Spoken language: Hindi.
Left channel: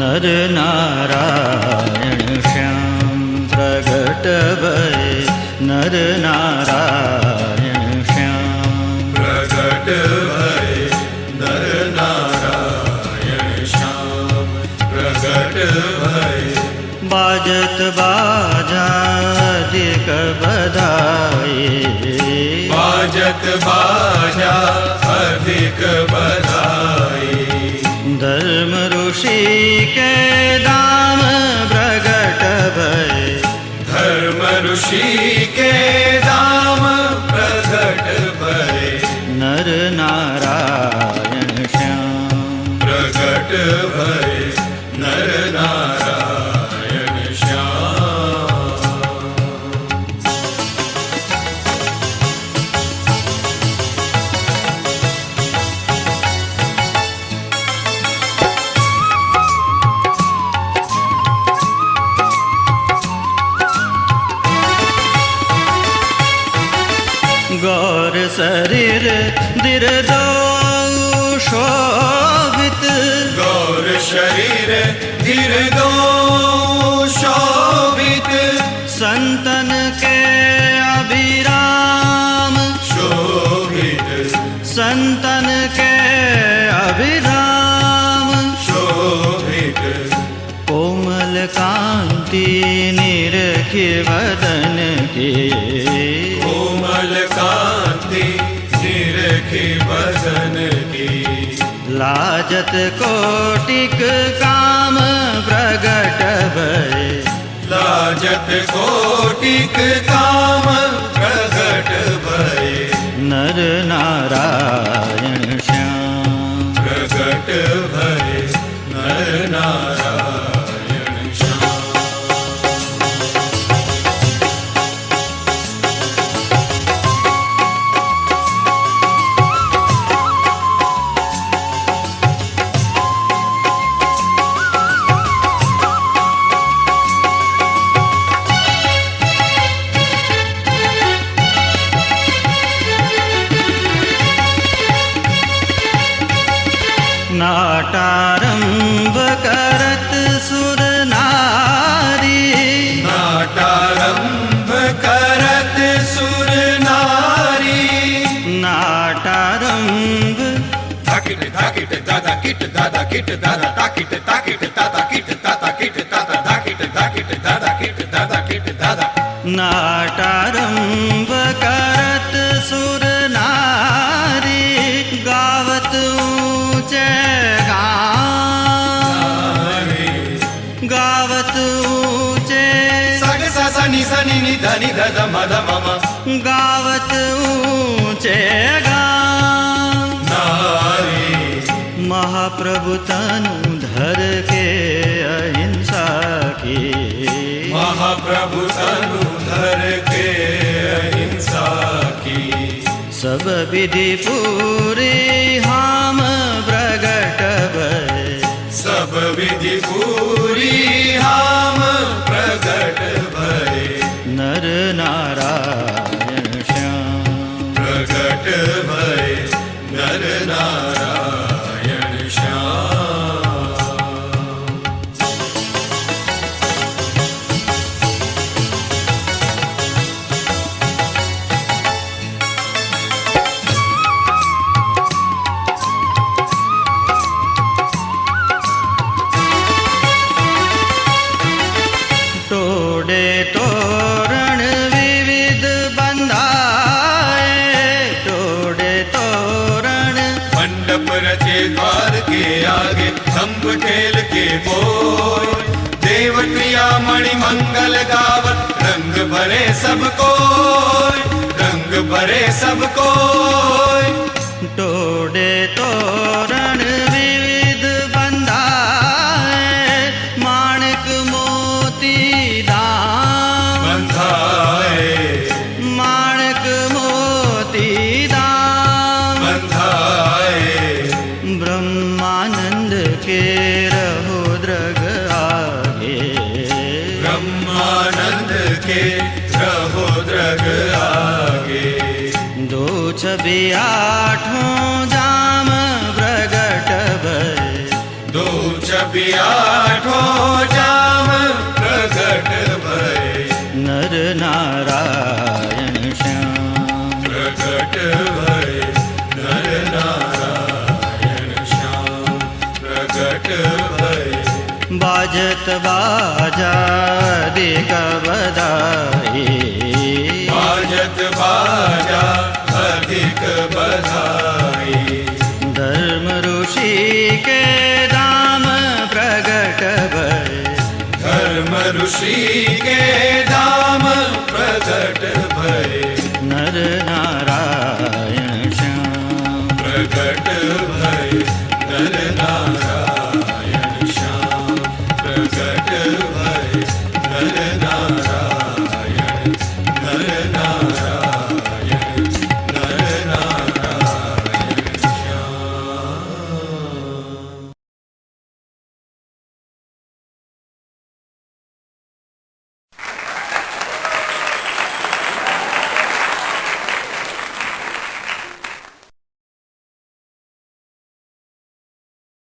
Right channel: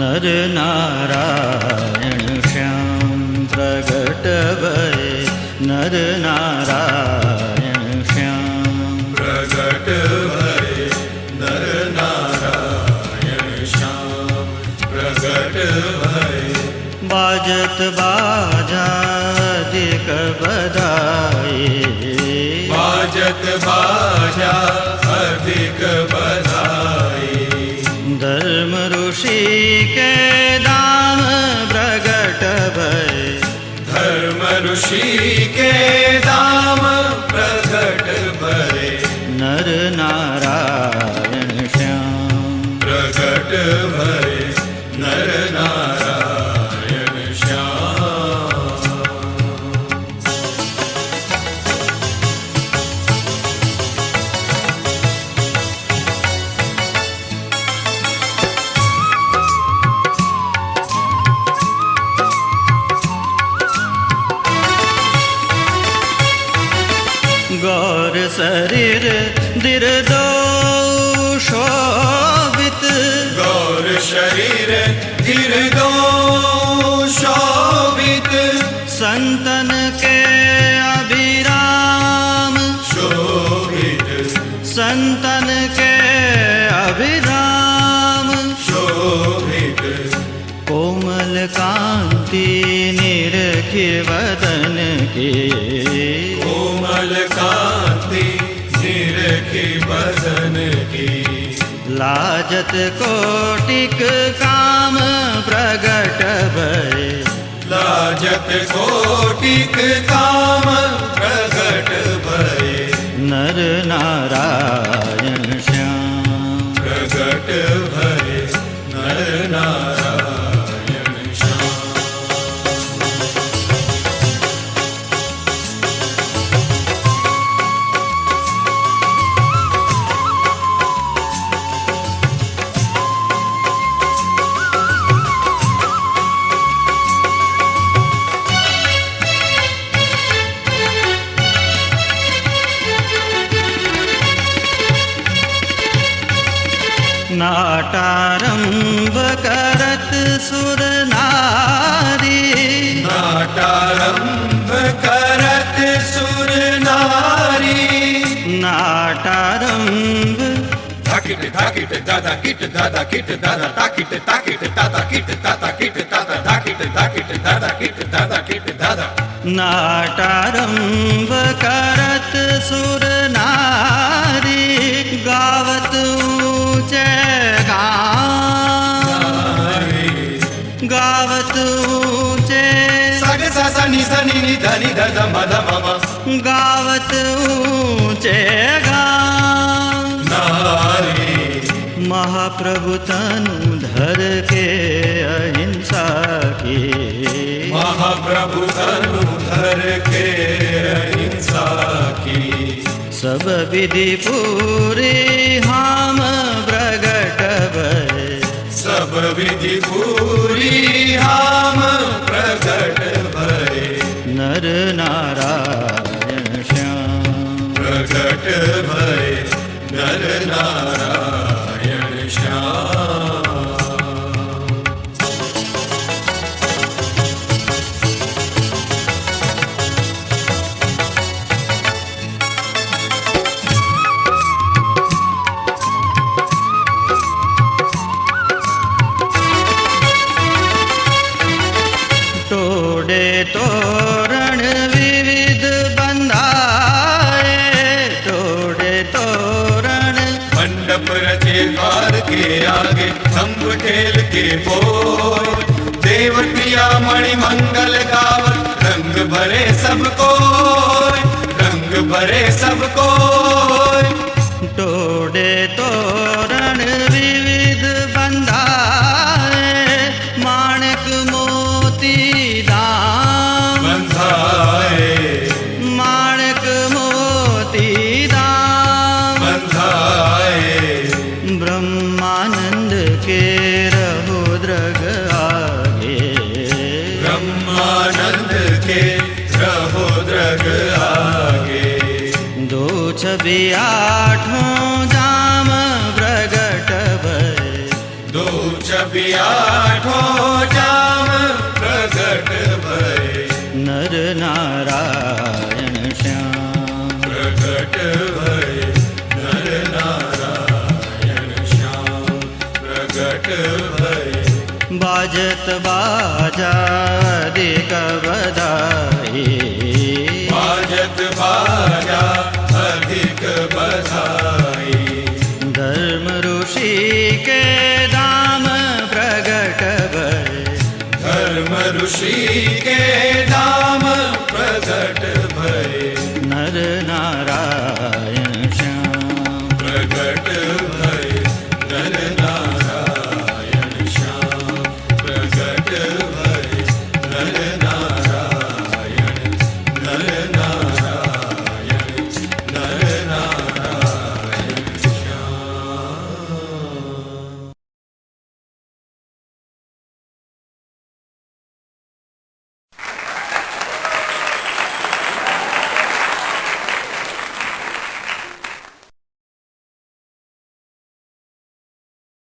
नर नारायण श्याम प्रगट भय नर नारायण श्याम प्रगट भय नर नारायण श्याम प्रगट भय बाजत बाजा अधिक बधाई बाजत बाजा अधिक बधाई धर्म ऋषि के दाम प्रगट भय धर्म ऋषि के दाम प्रगट भय नर नारायण श्याम प्रगट भय नर नारायण श्याम गौर शरीर दिरदो शोभित गौर शरीर गिरदो शोभित संतन के अभिराम शोभित संतन के अभिराम शोभित कोमल कांति निरखि वदन के कोमल कांति निरखी बदन की लाजत कोटिक काम प्रगट भय लाजत कोटिक काम प्रगट भय नर नारायण श्याम प्रगट भय नर नारायण श्याम नाटारंभ करत सुर नारी नाटारंभ करत सुर नारी नाटारंभ धाकिट धाकिट दादा किट दादा किट दादा ताकिट ताकिट दादा किट दादा किट दादा धाकिट धाकिट दादा किट दादा किट दादा नाटारंभ करत सुर नारी गावत ऊंचे गावत ऊंचे सागे सा नि ध ध मध मम गावत ऊंचे नारी महाप्रभु तनु धर के अहिंसा के महाप्रभु तनु धर के अहिंसा की सब विधि पूरी हम प्रगट भय सब विधि पूरी हम प्रगट भय नर नारायण श्याम प्रगट भय नर नारायण श्याम तोड़े तोरण विविध बंधाए तोड़े तोरण मंडप रचे द्वार के आगे खम्भ टेल के बोल देवटिया मणि मंगल गावत रंग भरे सबको रंग भरे सबको तोड़े तोरण विविध बंधाए माणक मोती दाम बंधाए माणक मोती दाम बंधाए ब्रह्म रघुद्रग आगे। ब्रह्मानंद के रघुद्रग आगे। दो छवि आठों जाम प्रगट भय। दो छवि आठों जाम प्रगट भय। नर नारायण श्याम प्रगट भय। नर नारायण श्याम प्रगट भय। बाजत बाजा अधिक बधाई। बाजत बाजा अधिक बधाई। धर्म ऋषि के धाम प्रगट भय। धर्म ऋषि के धाम प्रगट भय।